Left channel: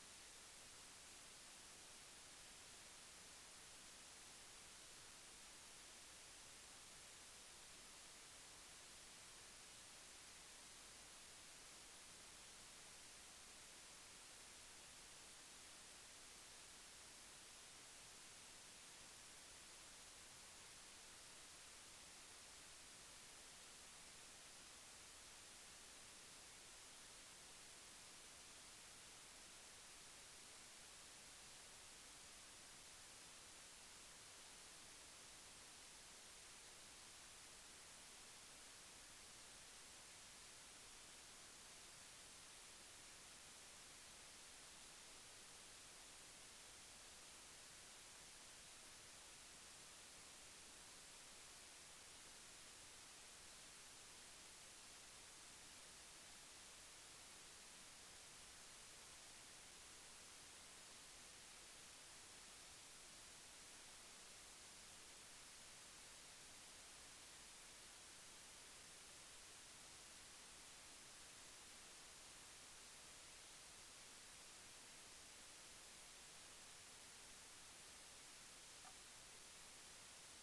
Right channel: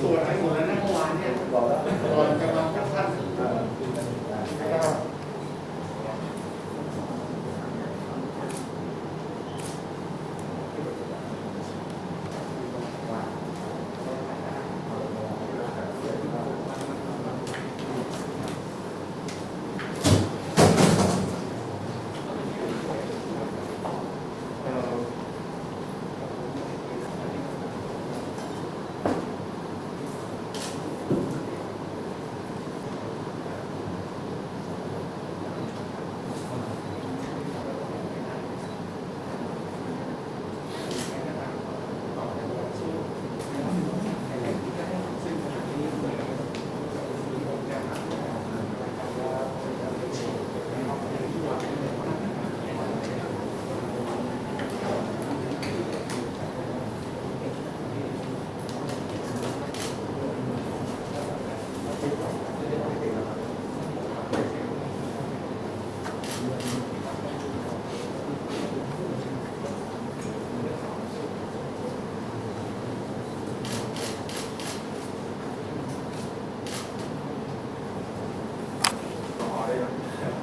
ตรวจไปหมดแล้วนะเมื่อวานเนี่ย บอกแล้ว ก่อนจะมาพบท่าน เออแล้วก็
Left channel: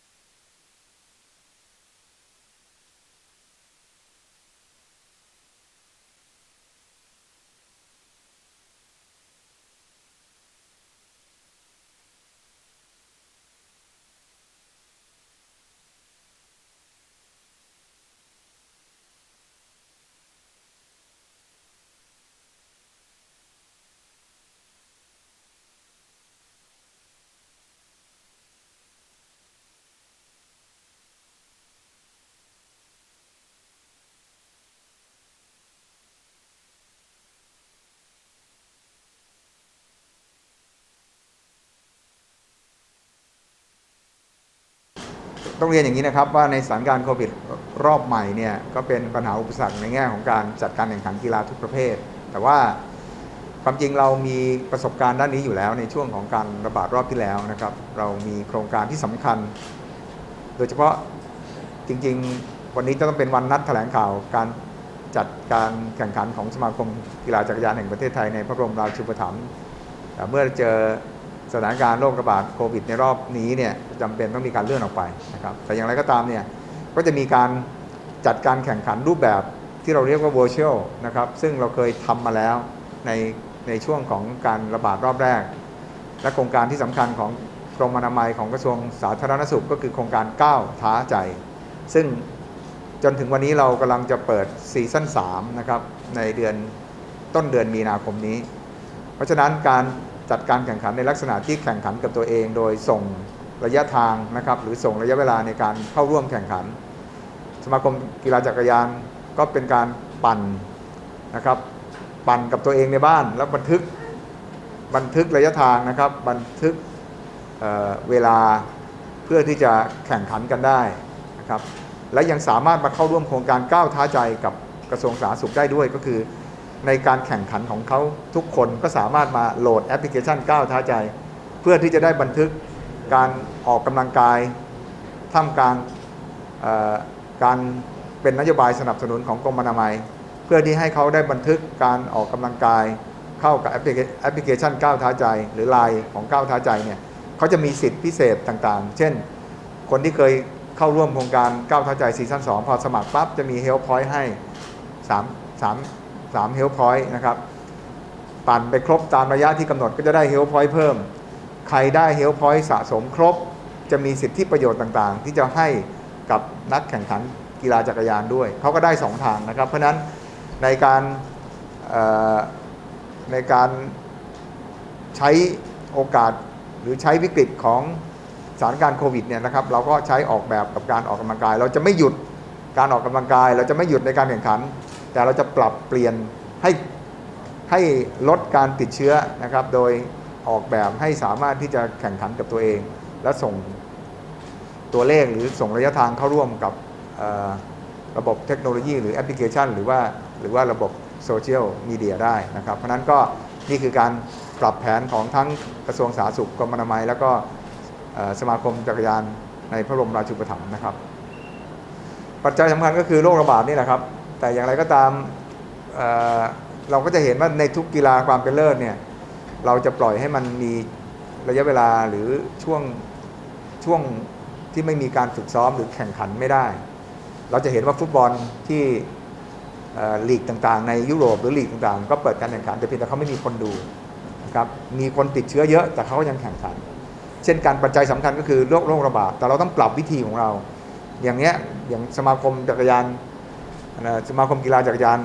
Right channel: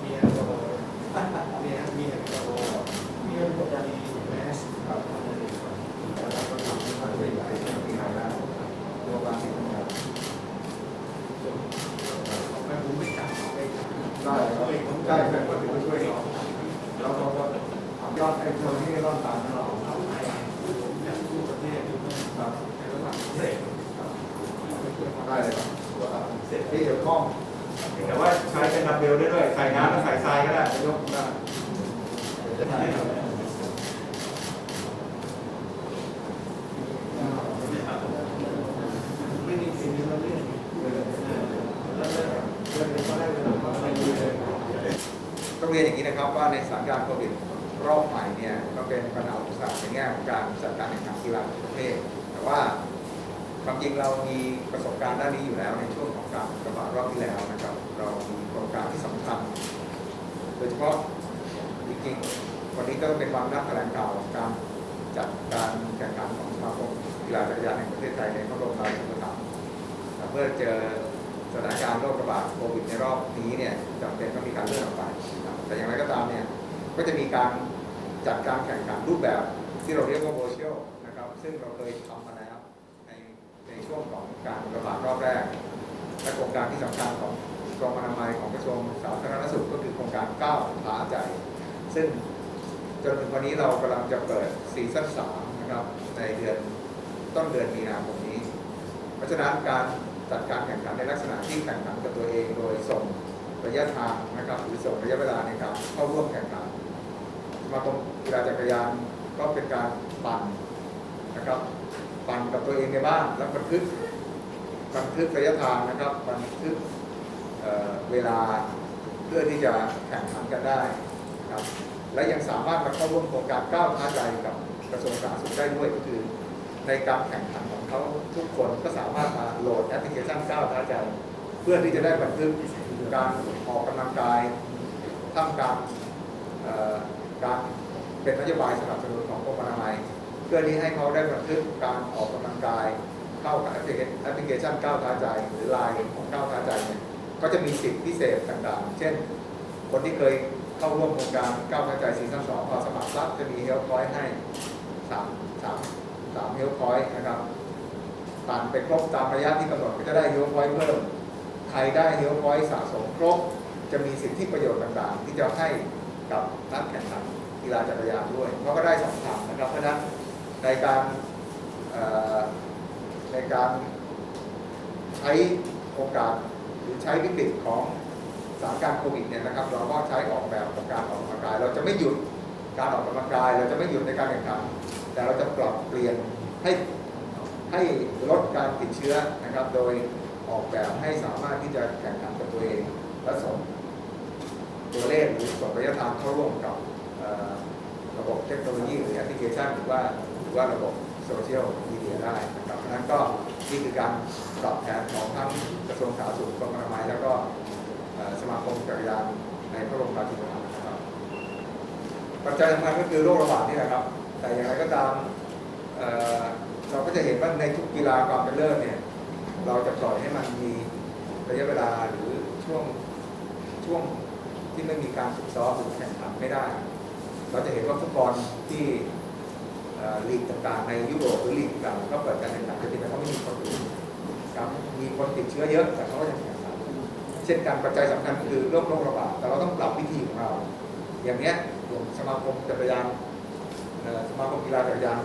มีแอลกอฮอล์มีมีแอลกอฮอล์มีแอลกอฮอล์มีแมสไม่ผมไม่จับไม่จับ ได้ครับได้ครับก็ถือว่าช่วยเราแล้วเราก็ยอดไอ้คนที่รอดตามเรา เอาไปผมอยากรู้ประเทศอยู่ ครับ ในระหว่างเสร็จ ได้เลยครับเสร็จที่เกี่ยวข้องแต่ว่าใช้เป็นดัมเบลได้ด้วยใส่น้ำแล้วใส่ทรายก็ได้ยกได้ไม่มีสิ่งที่เราต้องเรียนอย่างนี้นะครับว่าในสถานการณ์โควิดรอบใหม่เนี่ยก็เป็นปัญหาอุปสรรคในแง่ของการจัดการแข่งขันกีฬาทุกประเภท แต่ว่า ความจริงเรามีประสบการณ์ด้านนี้อยู่แล้วในช่วงของการระบาดรอบที่แล้วนะครับ เรามีโครงการที่สำคัญ โดยเฉพาะจริงๆ วันนี้ต้องเป็นวันนัดแถลงข่าวการจัดการแข่งขันของสมาคมกีฬาจักรยานแห่งประเทศไทยในพระบรมราชูปถัมภ์แต่เมื่อเจอสถานการณ์โรคระบาดโควิดในรอบนี้เนี่ยจำเป็นต้องมีการเลื่อนออกไปนะครับ แต่อย่างไรก็ตามเนี่ยก็จะมีการจัดการแข่งขันรูปแบบที่เราเรียกว่า virtual นะครับ ซึ่งเราเคยทำมาแล้วใน ในช่วงของการระบาดรอบแรก และโครงการที่สำคัญของกรมอนามัยของกระทรวงสาธารณสุขก็คือโครงการก้าวท้าใจ ซึ่งจนถึงวันนี้เรากำลังจะเปิดซีซั่น3นะครับในเดือนต้นเดือนมีนาคมนี้ เพราะฉะนั้นการจัดการแข่งขันในลักษณะที่แข่งขันกับตัวเอง โดยส่งระยะทางนะครับหรือส่งระยะเวลาในการเข้าร่วมแข่งขัน สมาคมกีฬาจักรยานก็เป็นการปั่นนะครับ ปั่นกับตัวเองในบ้าน แล้วบันทึกบันทึกระยะทางนะครับ บันทึกเเวลาเพื่อที่จะแข่งขันกันได้นะครับและยังสามารถมาเข้าร่วมโครงการก้าวท้าใจกับกระทรวงสาธารณสุขได้ด้วยก็คือ ในการแข่งขันของเขาทุกคนก็สามารถมาโหลดแอปพลิเคชันก้าวท้าใจ เพื่อที่จะได้บันทึกการออกกำลังกายท่ามกลางการเป็นนโยบายสนับสนุนของกรมอนามัย เพื่อที่ให้เขาได้บันทึกการออกกำลังกาย เข้ากับแอปพลิเคชันก้าวท้าใจ หรือไลน์ของก้าวท้าใจเนี่ยเขาจะมีสิทธิพิเศษต่างๆ เช่น คนที่เคยเข้าร่วมโครงการก้าวท้าใจซีซั่น2พอสมัครปั๊บจะมีเฮลพอยต์ให้3 3 3เฮลพอยต์นะครับปั่นไปครบตามระยะที่กำหนดก็จะได้เฮลพอยต์เพิ่ม ใครได้เฮลพอยต์สะสมครบ จะมีสิทธิประโยชน์ต่างๆ ที่จะให้กับนักแข่งขันกีฬาจักรยานด้วย เขาก็ได้สองทางนะครับ เพราะฉะนั้น ในการในการใช้โอกาสหรือใช้วิกฤตของสถานการณ์โควิดเนี่ยนะครับเราก็ใช้ออกแบบกับการออกกำลังกาย เราจะไม่หยุดการออกกำลังกาย เราจะไม่หยุดในการแข่งขัน แต่เราจะปรับเปลี่ยนให้ให้ลดการติดเชื้อนะครับ โดยออกแบบให้สามารถที่จะแข่งขันกับตัวเอง และส่งตัวเลขหรือส่งระยะทางเข้าร่วมกับระบบเทคโนโลยี หรือแอปพลิเคชัน หรือว่า หรือว่าระบบโซเชียลมีเดียได้นะครับ เพราะนั้นก็นี่คือการปรับแผนของทั้งกระทรวงสาธารณสุขกรมอนามัย แล้วก็สมาคมจักรยานในพระบรมราชูปถัมภ์นะครับ ปัจจัยสำคัญก็คือโรคระบาดนี่แหละครับ แต่อย่างไรก็ตามเเราก็จะเห็นว่าในทุกกีฬาความเป็นเลิศเนี่ยเราจะปล่อยให้มันมีระยะเวลาหรือช่วงช่วงที่ไม่มีการฝึกซ้อมหรือแข่งขันไม่ได้ เราจะเห็นว่าฟุตบอลที่ ลีกต่างๆ ในยุโรปหรือลีกต่างๆ ก็เปิดการแข่งขันแต่เพียงแต่เขาไม่มีคนดูครับมีคนติดเชื้อเยอะแต่เขาก็ยังแข่งขัน เช่นการปัจจัยสำคัญก็คือโรคโรคระบาดแต่เราต้องปรับวิธีของเรา อย่างเนี้ยอย่างสมาคมจักรยานสมาคมกีฬาจักรยาน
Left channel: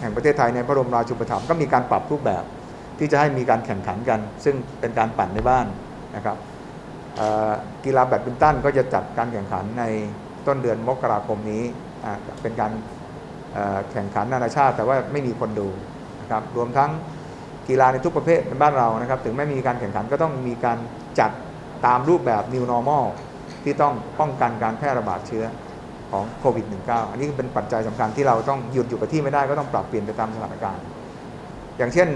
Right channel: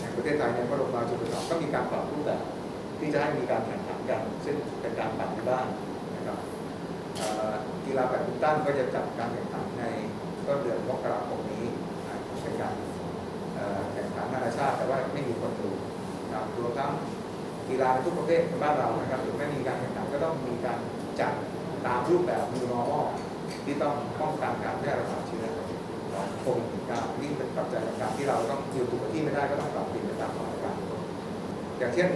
แห่งประเทศไทยในพระบรมราชูปถัมภ์ก็มีการปรับรูปแบบที่จะให้มีการแข่งขันกัน ซึ่งเป็นการปั่นในบ้านนะครับกีฬาแบดมินตันก็จะจัดการแข่งขันในต้นเดือนมกราคมนี้เป็นการ แข่งขันนานาชาติ แต่ว่าไม่มีคนดูนะครับรวมทั้งกีฬาในทุกประเภทในบ้านเรานะครับ ถึงไม่มีการแข่งขันก็ต้องมีการจัดตามรูปแบบ New Normal ที่ต้องป้องกันการแพร่ระบาดเชื้อของโควิด -19 อันนี้เป็นปัจจัยสำคัญที่เราต้องหยุดอยู่กับที่ไม่ได้ก็ต้องปรับเปลี่ยนไปตามสถานการณ์ อย่างเช่น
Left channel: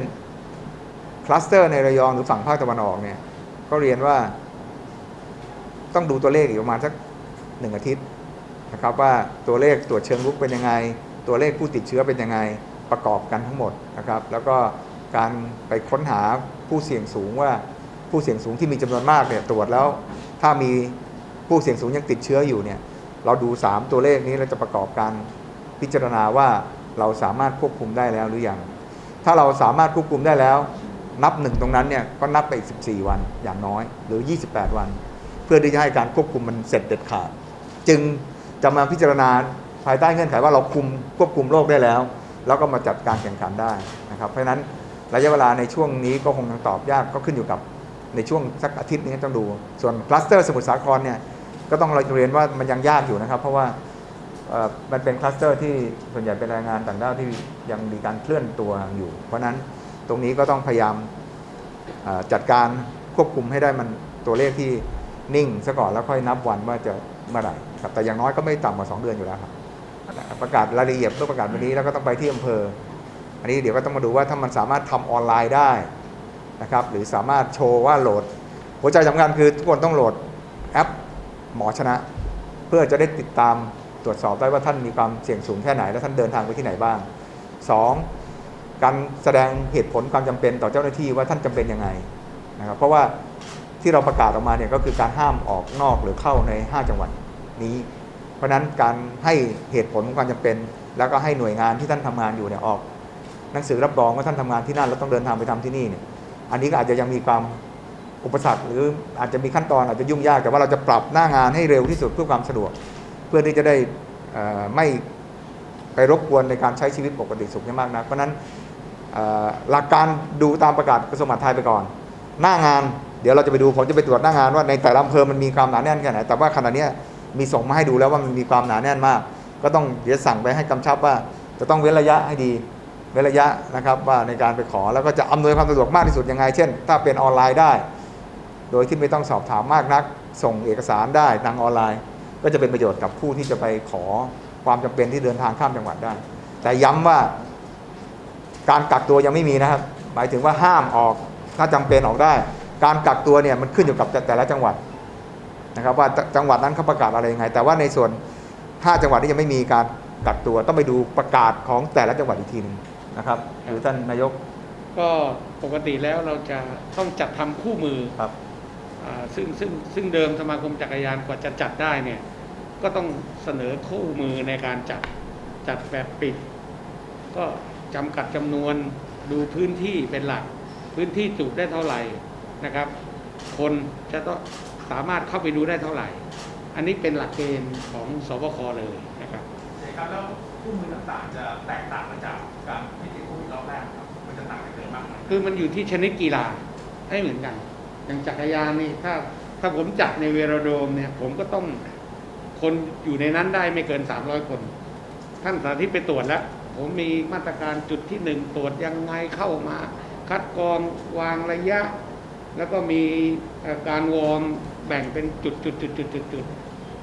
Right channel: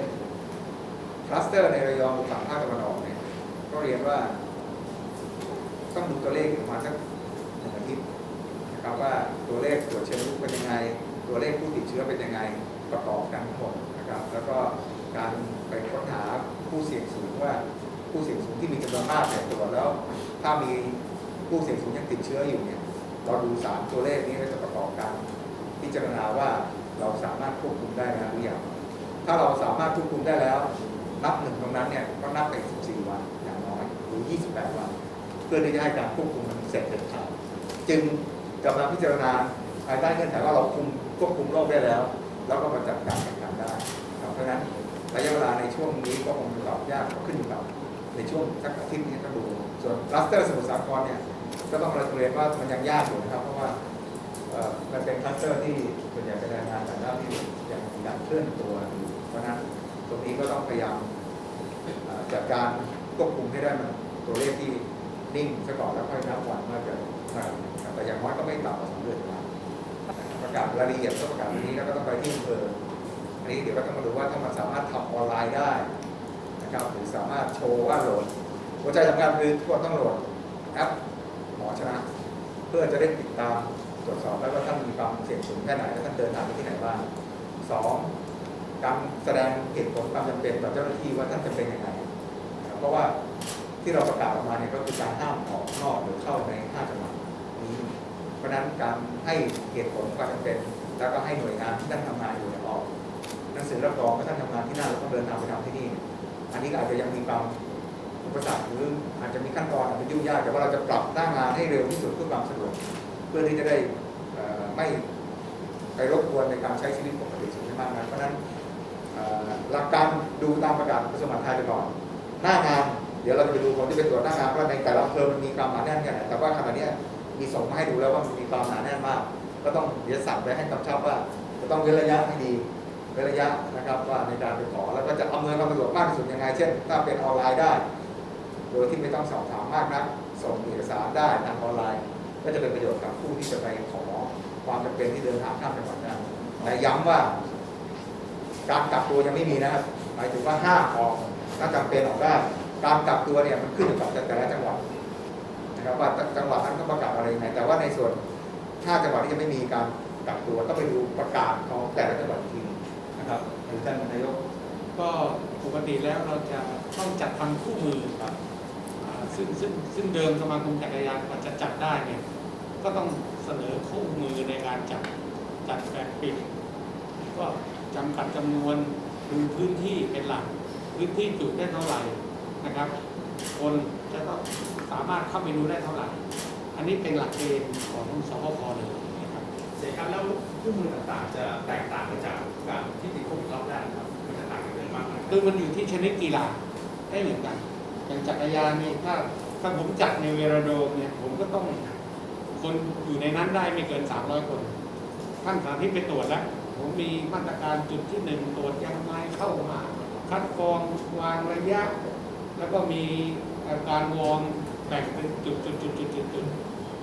คลัสเตอร์ในระยองหรือฝั่งภาคตะวันออกเนี่ยก็เรียนว่าต้องดูตัวเลขอีกประมาณสักหนึ่งอาทิตย์นะครับว่าตัวเลขตรวจเชิงลุกเป็นยังไง ตัวเลขผู้ติดเชื้อเป็นยังไงประกอบกันทั้งหมดนะครับ แล้วก็การไปค้นหาผู้เสี่ยงสูงว่าผู้เสี่ยงสูงที่มีจำนวนมากเนี่ยตรวจแล้ว ถ้ามีผู้เสี่ยงสูงยังติดเชื้ออยู่เนี่ยเราดู 3 ตัวเลขนี้เราจะประกอบการพิจารณาว่าเราสามารถควบคุมได้แล้วหรือยังถ้าเราสามารถควบคุมได้แล้ว นับหนึ่งตรงนั้นเนี่ยก็นับไปอีก14 วันอย่างน้อย หรือ 28 วัน เพื่อที่จะให้การควบคุมมันเสร็จเด็ดขาด จึงจะมาพิจารณา ภายใต้เงื่อนไขว่าเราคุมควบคุมโรคได้แล้ว แล้วก็มาจัดการแข่งขันได้นะครับ เพราะฉะนั้นระยะเวลาในช่วงนี้ก็คงยังตอบยากก็ขึ้นอยู่กับในช่วงสักอาทิตย์นี้ต้องดู ส่วนคลัสเตอร์สมุทรสาครเนี่ยก็ต้องเรียนว่ามันยังยากอยู่นะครับ เพราะว่ามันเป็นคลัสเตอร์ที่ส่วนใหญ่เป็นแรงงานต่างด้าวที่ยังมีการเคลื่อนตัวอยู่ เพราะนั้นตรงนี้ก็ต้องพยายามจัดการควบคุมให้ได้มันตัวเลขที่นิ่งซะก่อนแล้วค่อยนับวันว่าจะเมื่อไหร่ครับแต่อย่างน้อยก็ไม่ต่ำกว่า2เดือนอยู่แล้วครับ ประกาศรายละเอียดต้องประกาศวันนี้แล้วก็ต้องไปที่อำเภอ อันนี้เดี๋ยวก็ต้องมาดูว่าถ้ามันสามารถทำออนไลน์ได้นะครับหรือสามารถโชว์ว่าโหลด หัวใจสำคัญคือทุกคนต้องโหลดแอปหมอชนะ เพื่อจะได้ติดตามตรวจสอบได้ว่าท่านมีความเสี่ยงสูงแค่ไหน และท่านเดินทางไปที่ไหนบ้างสองการแสดงเหตุผลความจำเป็นต่อเจ้าหน้าที่ว่าท่านจำเป็นยังไงนะครับเพราะว่าที่เราประกาศออกมาเนี่ยก็คือการห้ามออกนอกหรือเข้าใน 5 จังหวัดนี้ ราะฉะนั้นการให้เหตุผลความจำเป็น แล้วก็ให้หน่วยงานที่ท่านทำงานอยู่เนี่ยออก หนังสือรับรองว่าท่านทำงานที่นั่นแล้วต้องเดินทางไปทำที่นี่เนี่ยอันนี้ก็อาจจะยังมีความอุปสรรคหรืออาจจะมีขั้นตอนอาจจะยุ่งยากแต่ว่าเราจะปรับหน้างานให้เร็วที่สุดเพื่อความสะดวก เพื่อที่จะได้ไม่ไปรบกวนในการใช้ชีวิตปกติสุขให้มากนะเพราะฉะนั้นหลักการดูตามประกาศกระทรวงมหาดไทยไปก่อน หน้างานเดี๋ยวเราจะไปดูผมจะไปตรวจหน้างานว่าในแต่ละอำเภอมันมีความหนาแน่นแค่ไหนแต่ว่าขณะเนี้ย มีส่งมาให้ดูแล้วว่ามันมีความหนาแน่นมาก ก็ต้องเดี๋ยวสั่งไปให้กำชับว่าจะต้องเว้นระยะให้ดีเว้นระยะนะครับว่าในการไปขอแล้วก็จะอำนวยความสะดวกมากที่สุดยังไง เช่น ถ้าเป็นออนไลน์ได้ โดยที่ไม่ต้องสอบถามมากนัก ส่งเอกสารได้ทางออนไลน์ ก็จะเป็นประโยชน์กับผู้ที่จะไปขอความจำเป็นที่เดินทางข้ามจังหวัดได้ แต่ย้ำว่าการกักตัวยังไม่มีนะครับ หมายถึงว่าห้ามออกถ้าจำเป็นออกได้ การกักตัวเนี่ยมันขึ้นอยู่กับแต่ละจังหวัด นะครับว่าจังหวัดนั้นเขาประกาศอะไรยังไง แต่ว่าในส่วนถ้าจังหวัดที่ยังไม่มีการกักตัวต้องไปดูประกาศของแต่ละจังหวัดอีกทีหนึงนะครับหรือท่านนายกก็ปกติแล้วเราจะต้องจัดทำคู่มือครับอ่าซึ่งซึ่งซึ่งเดิมสมาคมจักรยานกว่าจะจัดได้เนี่ยก็ต้องเสนอคู่มือในการจัดจัดแบบปิด ก็จำกัดจำนวนดูพื้นที่เป็นหลัก พื้นที่จุได้เท่าไหร่นะครับ คนจะต้องสามารถเข้าไปดูได้เท่าไหร่ อันนี้เป็นหลักเกณฑ์ของสบคเลยนะครับการแล้วคู่มือต่างๆจะแตกต่างไปจากการที่ติดโควิดรอบแรกครับมันจะต่างกันยังไงบ้างครับคือมันอยู่ที่ชนิดกีฬาให้เหมือนกัน อย่างจักรยานนี่ถ้าถ้าผมจัดในเวโรโดมเนี่ยผมก็ต้องคนอยู่ในนั้นได้ไม่เกิน 300 คน ท่านสาธิตไปตรวจแล้ว ผมมีมาตรการจุดที่หนึ่งตรวจยังไงเข้ามา คัดกรองวางระยะ แล้วก็มีการวอร์มแบ่งเป็นจุดจุดจุดจุดจุดจุด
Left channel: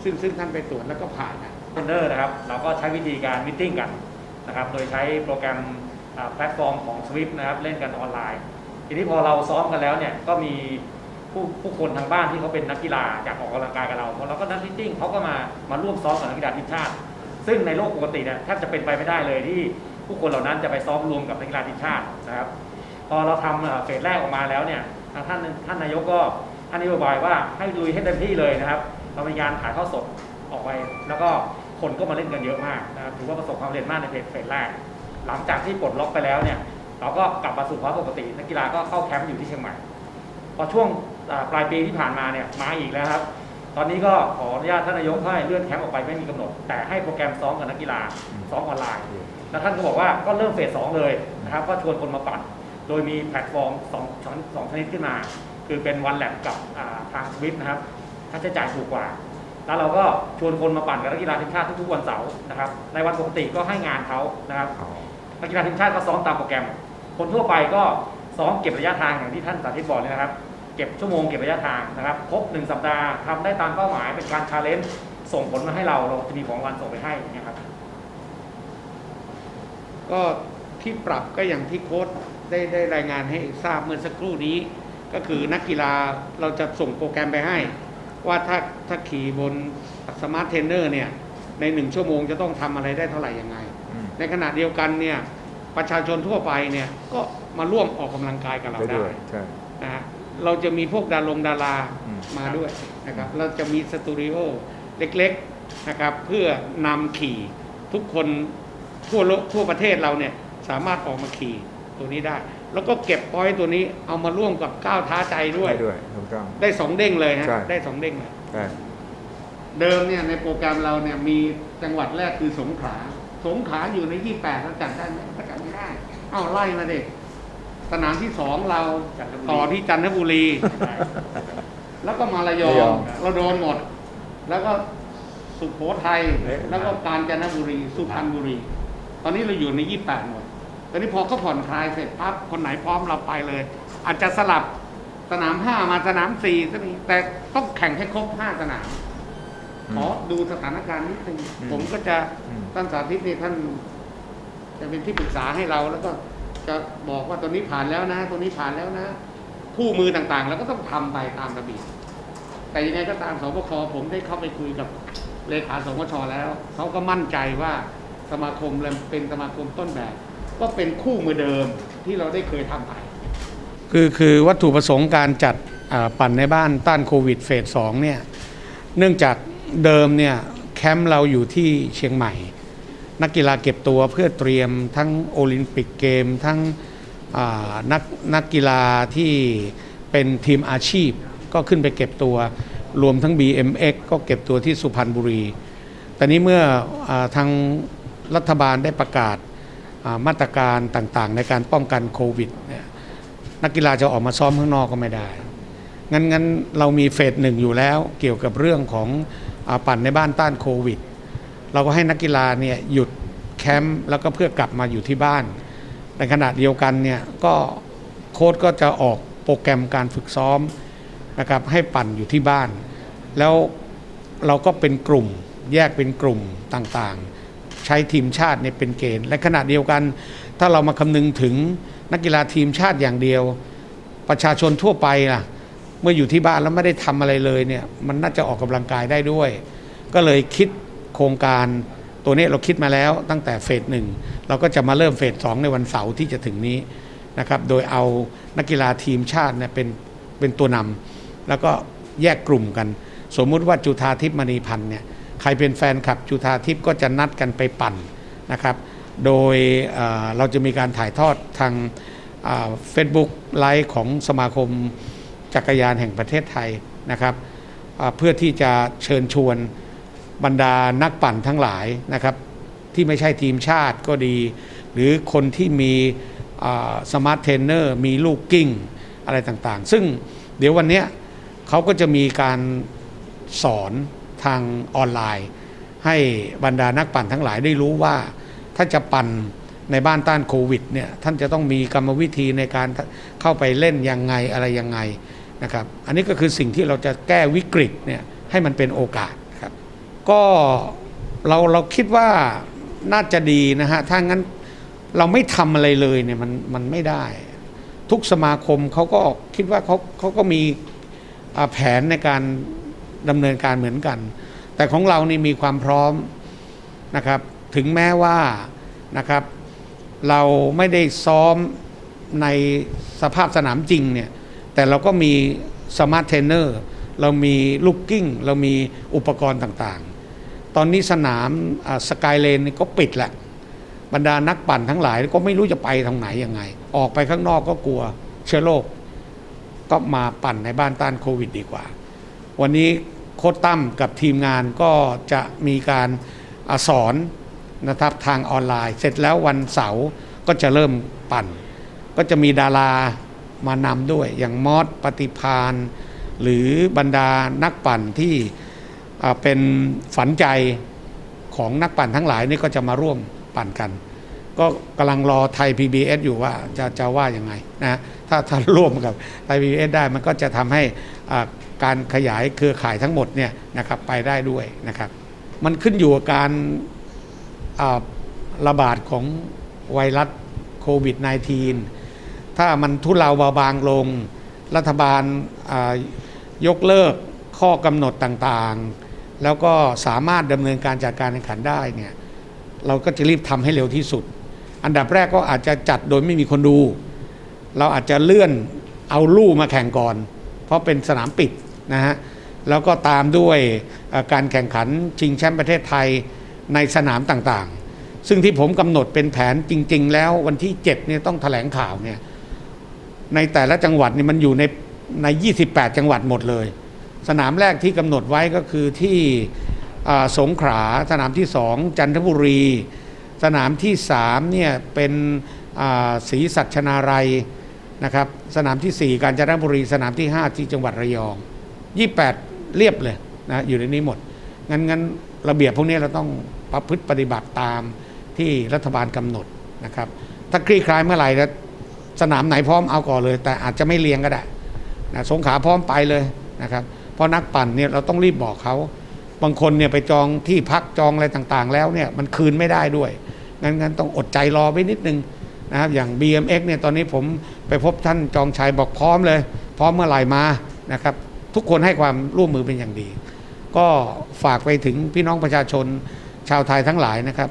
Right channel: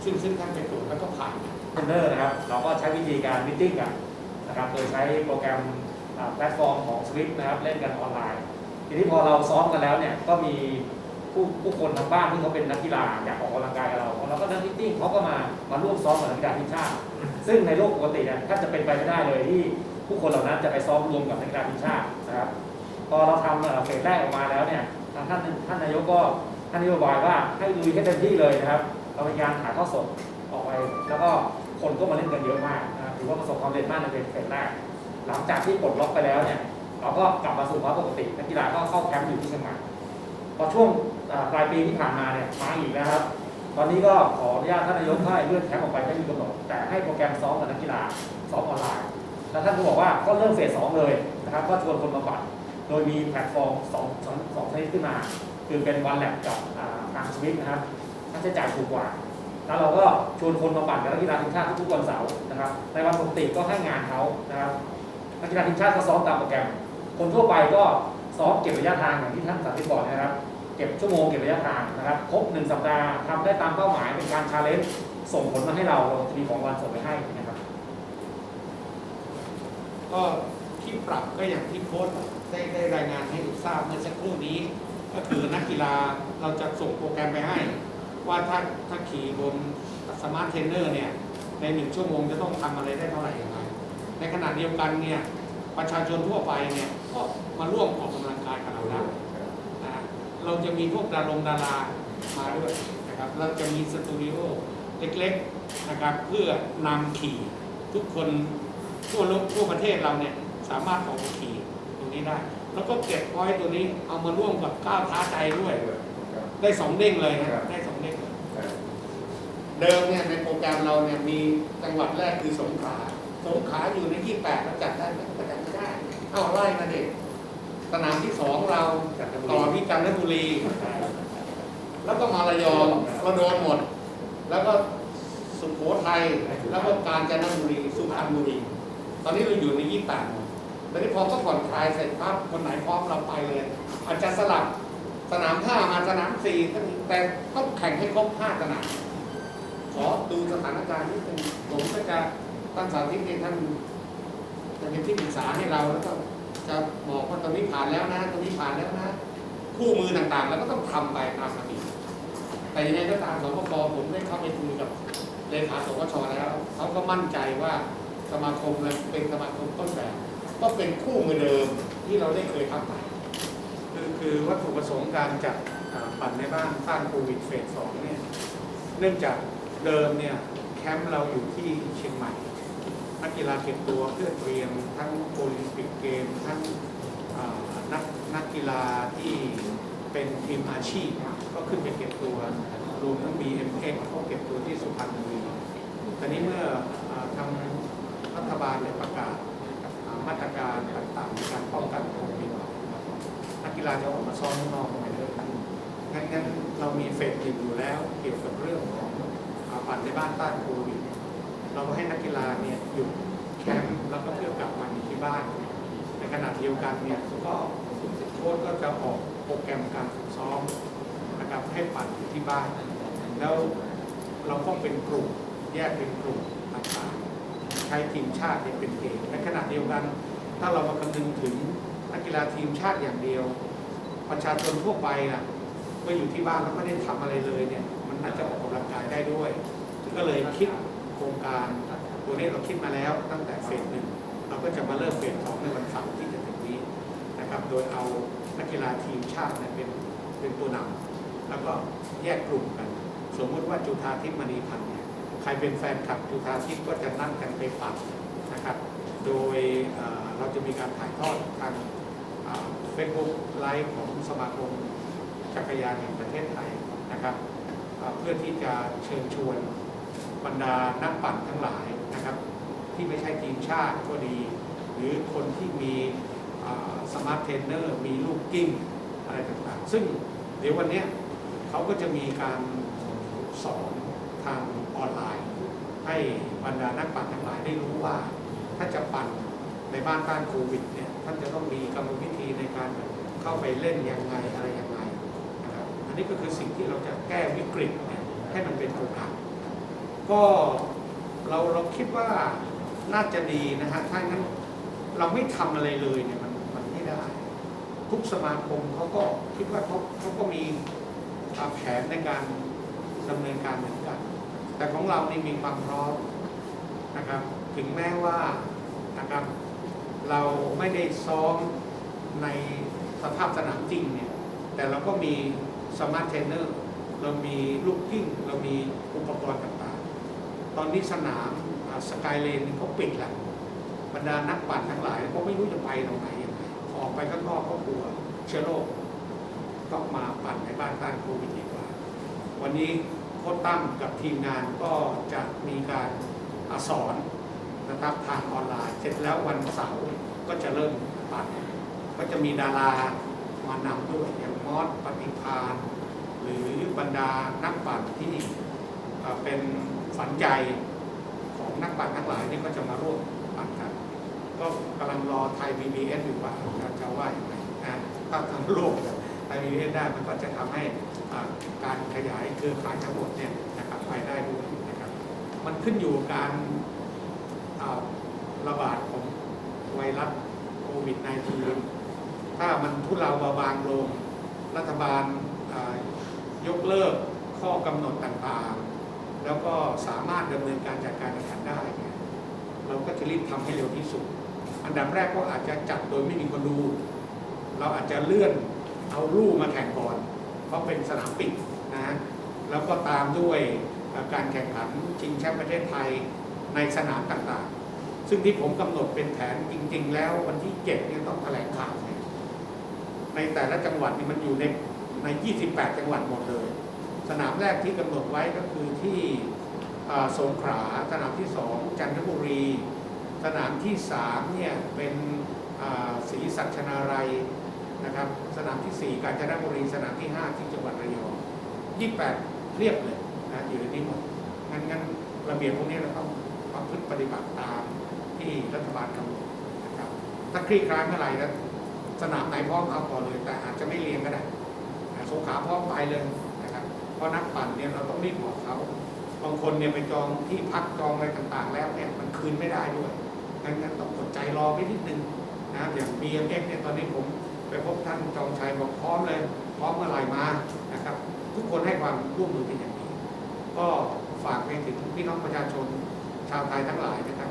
ซึ่งซึ่งท่านไปตรวจแล้วก็ผ่านนะเทรนเนอร์นะครับ เราก็ใช้วิธีการมิทติ้งกันนะครับ โดยใช้โปรแกรมแพลตฟอร์มของ Swift นะครับ เล่นกันออนไลน์ ทีนี้พอเราซ้อมกันแล้วเนี่ย ก็มีผู้ผู้คนทางบ้านที่เขาเป็นนักกีฬาอยากออกกำลังกายกับเราเราก็นัดมิทติ้งเขาก็มามาร่วมซ้อมกับนักกีฬาทีมชาติ ซึ่งในโลกปกติเนี่ยแทบจะเป็นไปไม่ได้เลยที่ผู้คนเหล่านั้นจะไปซ้อมรวมกับนักกีฬาทีมชาตินะครับ พอเราทำเอ่อเฟสแรกออกมาแล้วเนี่ย ทางท่านท่านนายกก็ท่านนโยบายว่าให้ลุยให้เต็มที่เลยนะครับเราพยายามถ่ายทอดสดออกไป แล้วก็คนก็มาเล่นกันเยอะมากนะครับถือว่าประสบความสำเร็จมากในเฟสเฟสแรก หลังจากที่ปลดล็อกไปแล้วเนี่ยเราก็กลับมาสู่ภาวะปกตินักกีฬาก็เข้าแคมป์อยู่ที่เชียงใหม่พอช่วงปลายปีที่ผ่านมาเนี่ยมาอีกแล้วครับ ตอนนี้ก็ขออนุญาตท่านนายกให้เลื่อนแคมป์ออกไปไม่มีกำหนด แต่ให้โปรแกรมซ้อมกับนักกีฬาซ้อมออนไลน์ แล้วท่านก็บอกว่าก็เริ่มเฟสสองเลยนะครับก็ชวนคนมาปั่น ดยมีแพลตฟอร์มสองชั้นสองชนิดขึ้นมา คือเป็นวันแลบกับทางสวิตนะครับค่าใช้จ่ายถูกกว่า แล้วเราก็ชวนคนมาปั่นกับนักกีฬาทีมชาติทุกๆวันเสาร์นะครับ ในวันปกติก็ให้งานเขานะครับนักกีฬาทีมชาติก็ซ้อมตามโปรแกรม คนทั่วไปก็ซ้อมเก็บระยะทางอย่างที่ท่านสาธิตบอกนะครับ เก็บชั่วโมงเก็บระยะทางนะครับ ครบหนึ่งสัปดาห์ทำได้ตามเป้าหมายเป็นการชาเลนจ์ส่งผลมาให้เราเราจะมีของรางวัลส่งไปให้อย่างเงี้ยครับ ก็ที่ปรับก็อย่างที่โค้ช ได้ได้รายงานให้ทราบเมื่อสักครู่นี้ ก็คือนักกีฬาเราจะส่งโปรแกรมไปให้ ว่าถ้าถ้าขี่บนสมาร์ทเทรนเนอร์เนี่ยในหนึ่งชั่วโมงจะต้องทำอะไรได้เท่าไหร่ยังไงอืมในขณะเดียวกันเนี่ยประชาชนทั่วไปเนี่ยก็มาร่วมออกกำลังกายกับเราได้ได้ด้วยใช่นะฮะเราจะมีพวกดารงดาราอืมมาด้วยนะครับเราจะมีสตูดิโอเล็กๆนะครับเพื่อนำขี่ทุกคนทั่วโลกทั่วประเทศเราเนี่ยสามารถออกมาขี่ ตัวนี้ได้ แล้วก็เก็บพอยต์ตัวนี้เอามาร่วมกับก้าวท้าใจด้วยได้ด้วยถูกต้อง ได้สองเด้งเลยนะ ใช่ ได้สองเด้งเลยใช่เดิมเนี่ยในโปรแกรมเราเนี่ยมีจังหวัดแรกคือสงขลา สงขลาอยู่ใน 28เราจัดได้ไหมก็จัดไม่ได้เอ้าไล่มาเด็กสนามที่สองเราจันทบุรีต่อที่จันทบุรี แล้วก็มาระยองเราโดนหมด แล้วก็สุโขทัยแล้วก็กาญจนบุรีสุพรรณบุรี ตอนนี้เราอยู่ใน 28หมด ตอนนี้พอก็ผ่อนคลายเสร็จปั๊บคนไหนพร้อมเราไปเลย อาจจะสลับสนาม5มาสนาม4ก็มีแต่ต้องแข่งให้ครบ5สนามขอดูสถานการณ์นิดนึงผมก็จะท่านสาธิตนี่ท่าน จะเป็นที่ปรึกษาให้เราแล้วก็จะบอกว่าตัวนี้ผ่านแล้วนะตัวนี้ผ่านแล้วนะ คู่มือต่างๆ แล้วก็ต้องทำไปตามระเบียบแต่ยังไงก็ตามสปคผมได้เข้าไปคุยกับเลขาสปชแล้วเขาก็มั่นใจว่าสมาคมเราเป็นสมาคมต้นแบบ ก็เป็นคู่มือเดิมที่เราได้เคยทำไป คือคือวัตถุประสงค์การจัดปั่นในบ้านต้านโควิดเฟสสองเนี่ยเนื่องจากเดิมเนี่ยแคมป์เราอยู่ที่เชียงใหม่ นักกีฬาเก็บตัวเพื่อเตรียมทั้งโอลิมปิกเกมทั้งนักนักกีฬาที่เป็นทีมอาชีพก็ขึ้นไปเก็บตัวรวมทั้ง BMX ก็เก็บตัวที่สุพรรณบุรี แต่นี้เมื่ออทางรัฐบาลได้ประกาศ มาตรการต่างๆ ในการป้องกันโควิด นักกีฬาจะออกมาซ้อมข้างนอกก็ไม่ได้ งั้นงั้นเรามีเฟสหนึ่งอยู่แล้วเกี่ยวกับเรื่องของอปั่นในบ้านต้านโควิด เราก็ให้นักกีฬาเนี่ยหยุดแคมป์แล้วก็เพื่อกลับมาอยู่ที่บ้าน ในขณะเดียวกันเนี่ยก็โค้ชก็จะออกโปรแกรมการฝึกซ้อมนะครับให้ปั่นอยู่ที่บ้าน แล้วเราก็เป็นกลุ่มแยกเป็นกลุ่มต่างๆ ช้ทีมชาติเนี่ยเป็นเกณฑ์และขณะเดียวกัน ถ้าเรามาคำนึงถึงนักกีฬาทีมชาติอย่างเดียว ประชาชนทั่วไปล่ะเมื่ออยู่ที่บ้านแล้วไม่ได้ทำอะไรเลยเนี่ยมันน่าจะออกกำลังกายได้ด้วย ก็เลยคิดโครงการตัวนี้เราคิดมาแล้วตั้งแต่เฟสหนึ่งเราก็จะมาเริ่มเฟสสองในวันเสาร์ที่จะถึงนี้นะครับโดยเอานักกีฬาทีมชาติเนี่ยเป็นเป็นตัวนำแล้วก็แยกกลุ่มกัน สมมุติว่าจุธาทิพย์มณีพันธ์เนี่ย ใครเป็นแฟนคลับจุธาทิพย์ก็จะนัดกันไปปั่นนะครับ โดยเเราจะมีการถ่ายทอดทางเฟซบุ๊กไลฟ์ของสมาคมจักรยานแห่งประเทศไทยนะครับเพื่อที่จะเชิญชวนบรรดานักปั่นทั้งหลายนะครับ ที่ไม่ใช่ทีมชาติก็ดี หรือคนที่มีสมาร์ทเทรนเนอร์มีลูกกิ้งอะไรต่างๆ ซึ่งเดี๋ยววันนี้เขาก็จะมีการสอน ทางออนไลน์ ให้บรรดานักปั่นทั้งหลายได้รู้ว่า ถ้าจะปั่นในบ้านต้านโควิดเนี่ยท่านจะต้องมีกรรมวิธีในการเข้าไปเล่นยังไงอะไรยังไงนะครับอันนี้ก็คือสิ่งที่เราจะแก้วิกฤตเนี่ยให้มันเป็นโอกาสครับก็เราเราคิดว่าน่าจะดีนะฮะถ้างั้นเราไม่ทำอะไรเลยเนี่ยมันมันไม่ได้ ทุกสมาคมเขาก็คิดว่าเขาเขาก็มีแผนในการ ดำเนินการเหมือนกัน แต่ของเรานี่มีความพร้อมนะครับ ถึงแม้ว่านะครับ เราไม่ได้ซ้อมในสภาพสนามจริงเนี่ย แต่เราก็มีสมาร์ทเทรนเนอร์เรามีลูกกิ้ง เรามีอุปกรณ์ต่างๆ ตอนนี้สนามสกายเลนก็ปิดแหละบรรดานักปั่นทั้งหลายก็ไม่รู้จะไปทางไหนยังไง ออกไปข้างนอกก็กลัวเชื้อโรคก็มาปั่นในบ้านต้านโควิดดีกว่า วันนี้โค้ชตั้มกับทีมงานก็จะมีการอสอนนะครับทางออนไลน์ เสร็จแล้ววันเสาร์ก็จะเริ่มปั่น ก็จะมีดารามานำด้วยอย่างมอสปฏิพานหรือบรรดานักปั่นที่เป็นฝันใจของนักปั่นทั้งหลายนี่ก็จะมาร่วมปั่นกัน ก็กำลังรอไทย PBS อยู่ว่าจะจะว่ายังไงนะถ้าถ้าร่วมกับไทย PBS ได้มันก็จะทำให้การขยายเครือข่ายทั้งหมดเนี่ยนะครับไปได้ด้วยนะครับ มันขึ้นอยู่กับการระบาดของไวรัสโควิด -19 ถ้ามันทุเลาเบาบางลง รัฐบาลยกเลิกข้อกำหนดต่างๆ แล้วก็สามารถดำเนินการจัดการแข่งขันได้เนี่ยเราก็จะรีบทำให้เร็วที่สุด อันดับแรกก็อาจจะจัดโดยไม่มีคนดู เราอาจจะเลื่อนเอาลู่มาแข่งก่อน เพราะเป็นสนามปิดนะฮะแล้วก็ตามด้วยการแข่งขันชิงแชมป์ประเทศไทยในสนามต่างๆ ซึ่งที่ผมกำหนดเป็นแผนจริง ๆ แล้ววันที่7เนี่ยต้องแถลงข่าวเนี่ยในแต่ละจังหวัดนี่มันอยู่ในใน 28 จังหวัดหมดเลย สนามแรกที่กำหนดไว้ก็คือที่สงขลาสนามที่สองจันทบุรี สนามที่สามเนี่ยเป็นศรีสัชนาลัยนะครับสนามที่สี่กาญจนบุรีสนามที่ห้าที่จังหวัดระยอง 28 เรียบเลยนะอยู่ในนี้หมด งั้นงั้นระเบียบพวกนี้เราต้องประพฤติปฏิบัติตามที่รัฐบาลกำหนดนะครับถ้าคลี่คลายเมื่อไหร่แล้วสนามไหนพร้อมเอาก่อนเลย แต่อาจจะไม่เรียงก็ได้นะสงขาพร้อมไปเลยนะครับเพราะนักปั่นเนี่ยเราต้องรีบบอกเขาบางคนเนี่ยไปจองที่พักจองอะไรต่างๆ แล้วเนี่ยมันคืนไม่ได้ด้วย งั้นงั้นต้องอดใจรอไว้นิดนึงนะครับอย่าง BMX เนี่ยตอนนี้ผมไปพบท่านจองชัยบอกพร้อมเลย พร้อมเมื่อไหร่มานะครับทุกคนให้ความร่วมมือเป็นอย่างดี ก็ฝากไปถึงพี่น้องประชาชนชาวไทยทั้งหลายนะครับ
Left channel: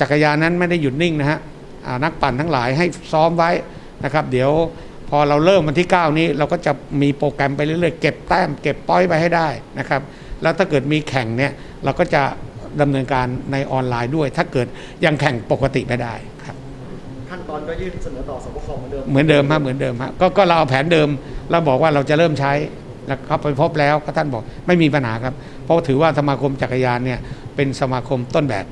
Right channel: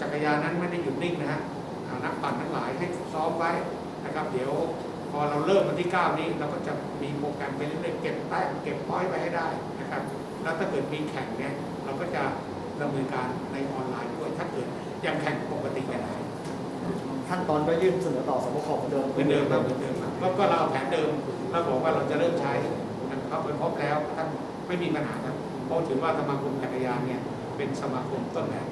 จักรยานนั้นไม่ได้หยุดนิ่งนะฮะนักปั่นทั้งหลายให้ซ้อมไว้นะครับ เดี๋ยวพอเราเริ่มวันที่ 9 นี้เราก็จะมีโปรแกรมไปเรื่อยๆ เก็บแต้มเก็บป้อยไปให้ได้นะครับ แล้วถ้าเกิดมีแข่งเนี่ยเราก็จะ ดำเนินการในออนไลน์ด้วย ถ้าเกิดยังแข่งปกติไม่ได้ครับขั้นตอนก็ยื่นเสนอต่อสบคเหมือนเดิมเหมือนเดิมฮะเหมือนเดิมฮะก็ก็เราเอาแผนเดิมเราบอกว่าเราจะเริ่มใช้แล้วเขาไปพบแล้วก็ท่านบอกไม่มีปัญหาครับ เพราะถือว่าสมาคมจักรยานเนี่ยเป็นสมาคมต้นแบบ